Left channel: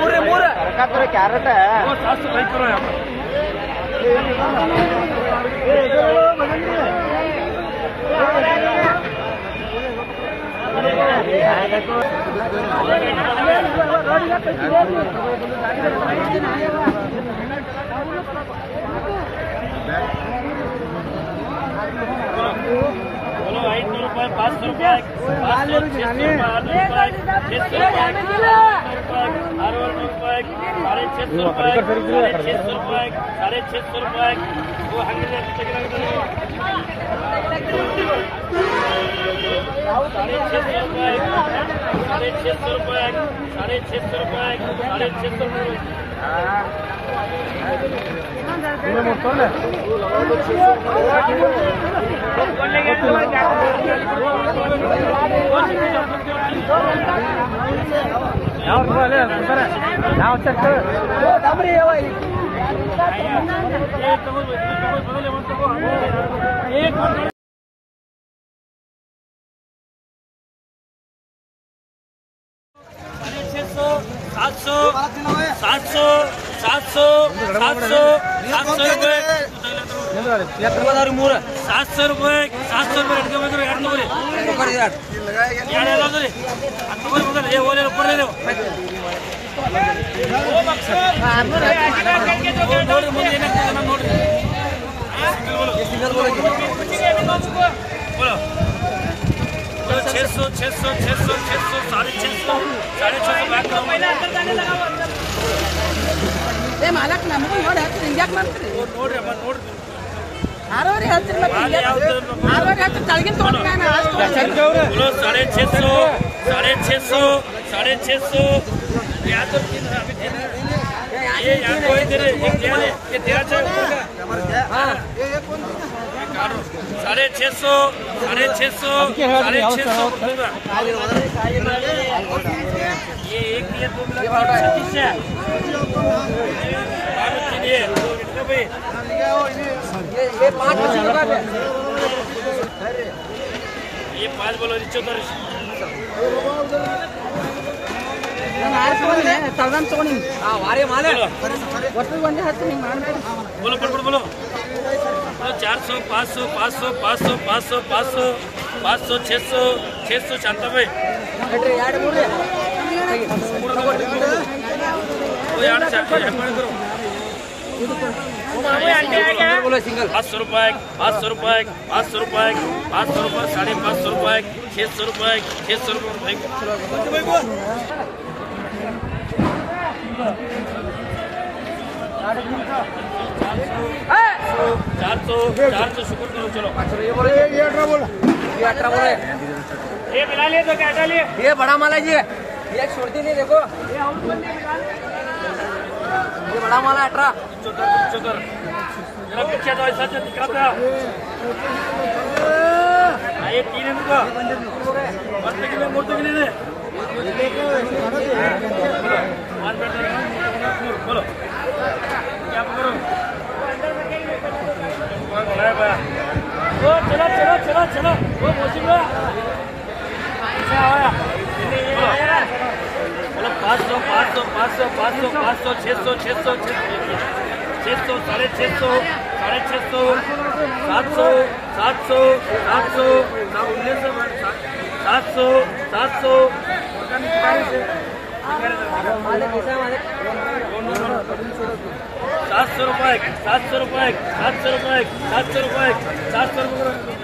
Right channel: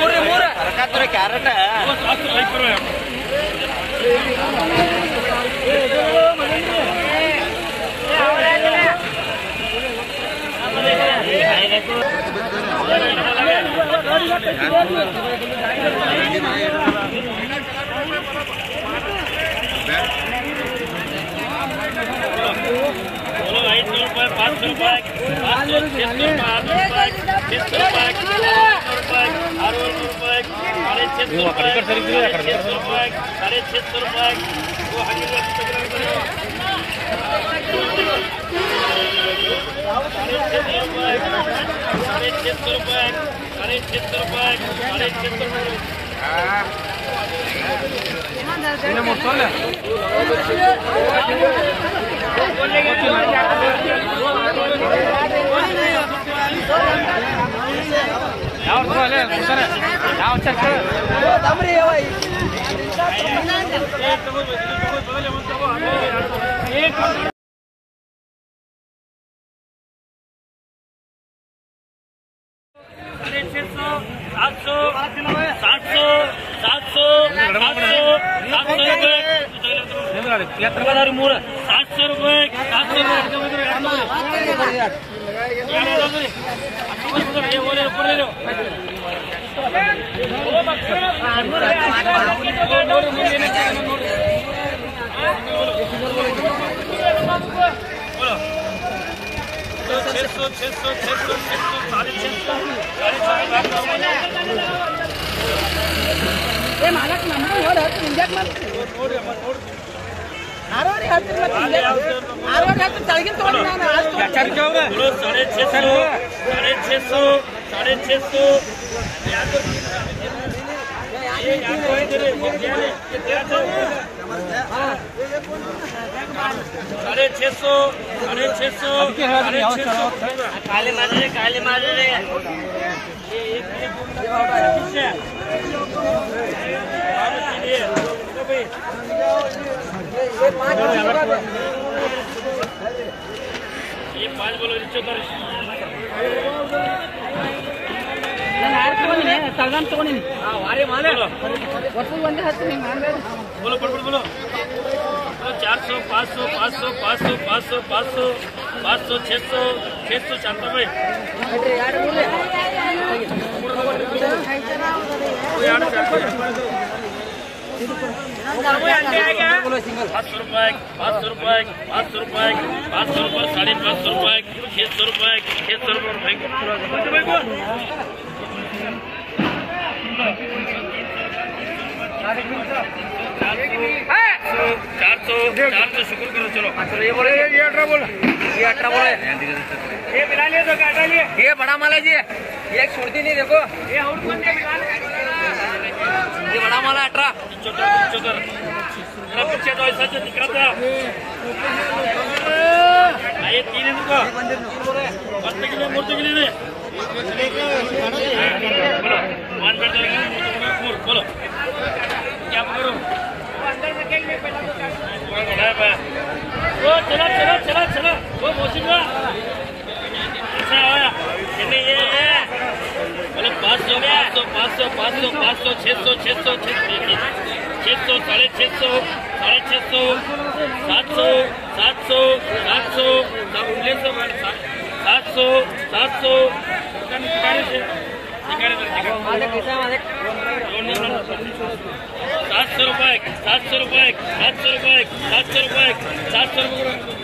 पूरा ಮೂರು ಕ್ಯಾರೆಟ್ बोलो 500 रुपए 500 रुपए 500 600 रुपए 600 रुपए 600 रुपए 600 रुपए 600 रुपए वो हकीकत ₹700 रुपए 700 रुपये 700 रुपये ऊपर ले लो बोलो 600 600 600 600 650 ಮಾಲಕ್ ನಮ್ಗೆ ನೋಡಿ ಹೇಳ್ತೀನಿ ಹಿಂಗ್ಯಾಕ್ ಮಾಡ್ತೀನಿ ಆರೋರು ಹೇಳ್ತೀನಿ ಆರೋರು ಹೇಳ್ತೀನಿ ಕೆಳಗಿನ ತೊಗೊಂಡ್ರೆ ನಾನು 650 ये 5 का ये 5 बोलो 74 ನಾನು ಆರು ತೊಗೊಂಡಿನಿ ತಗೊಂಡು ತೊಗೊಂಡಿನಿ वारे माले ಒಟ್ಟಿಗೆ ಒಂದೇ ಹತ್ತು ಹಿಂಗೆ ಮಾಡಿ बोलो बोलो 400 500 500 500 500 500 500 600 695 बेटे यार बोले बोलो सिंगल 500 रुपए 500 रुपए 500 रुपए 500 रुपए 550 रुपए 600 रुपए 600 रुपए 400 शुक्र करो चलो ये बोले ये 18 बोले ये मिला लिए तो क्या लिए ये बड़ा माल है जी ये एक छोड़ती नहीं देखो ये बड़ा माल है 18 74 जरा पीछे तो ऐसा दिखाता ये 3 है तुमको बत्ते के लिए मूर्ति के लिए बोलो मान कर दो बोलो क्या करो कौन बनाया पाया वो चलो वो मौसम हुआ ऐसा आया नहीं आया बोलो 500 500 500 500 500 600 600 600 600 650 700 700 700 700 700 रुपए 700 रुपए 700 रुपए 700 रुपए 700 रुपए